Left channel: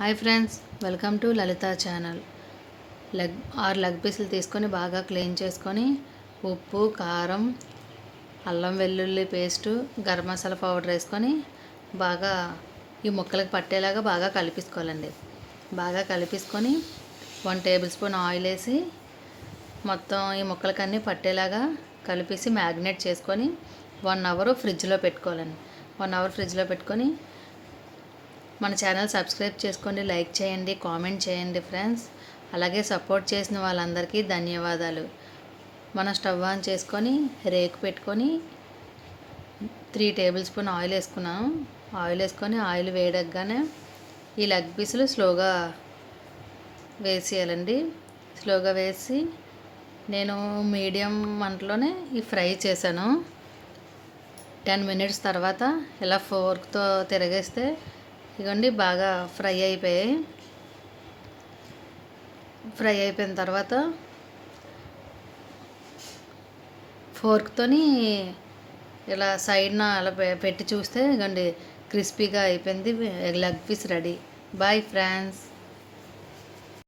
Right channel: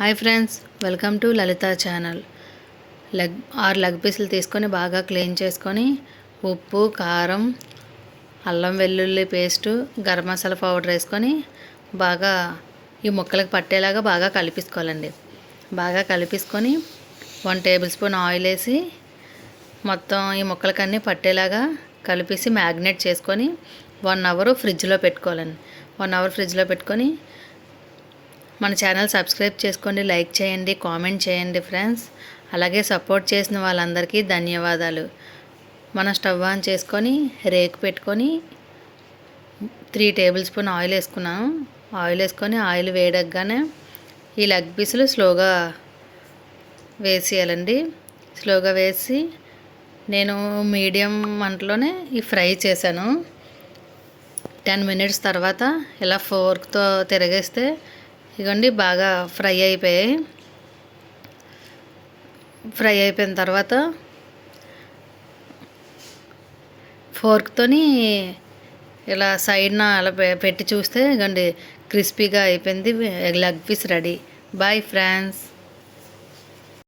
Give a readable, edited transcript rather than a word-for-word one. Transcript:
Hi friends, welcome to Lalitha channel. Leg పీసులు తీసుకొని బాగా క్లీన్ చేసుకొని ఉప్పు, కారం, అల్లం వెల్లుల్లి పేస్టు, గరం మసాలా పౌడర్ వేసుకొని బాగా ఈ ముక్కలకు పట్టేలాగా బాగా కలిపేసుకోవాలండి. బాగా కలిపేసుకొని 1 టేబుల్ స్పూన్ ఆయిల్ వేసి మొత్తం ఈ ముక్కలకన్నీ పట్టేలాగా కలిపేసి మ్యాగ్నేట్ చేసుకొని 1 అవర్ ఫ్రిడ్జ్లో పెట్టుకోవాలండి. 1 అవర్ ఫ్రిడ్జ్లో పెట్టుకొని మన ఛానల్ సబ్స్క్రైబ్ చేసుకోండి, లైక్ చేయండి, కామెంట్ చేయండి ఫ్రెండ్స్. అలాగే సపోర్ట్ చేసిన వాళ్ళందరికీ ధన్యవాదాలు. మనం స్టవ్ ఆన్ చేసుకొని రేకు పెట్టుకొని 3 టేబుల్ స్పూన్ ఆయిల్ వేసుకున్నాను. ఆయిల్ వేసుకొని ఆయిల్ వేడగ్గానే ఈ లెగ్ పీసులు స్లోగా వేసేయాలండి. స్లోగా వేసి నేను మీడియం మంటలోనే ఈ ఫ్రై చేశాను. 10 మినిట్స్ తర్వాత ఇలా ఫోర్క్తో తిరగేస్తే ఇదిగోండి బాగా ఫ్రై అయిపోయాయి. ఫ్రై అయిపోయిన తర్వాత ఫోర్క్తోని ఇలా సైడ్న అలా పెట్టి చూస్తే ఇదిగోండి క్రిస్పీగా అయిపోయింది. Leg piece ready. Bye friends.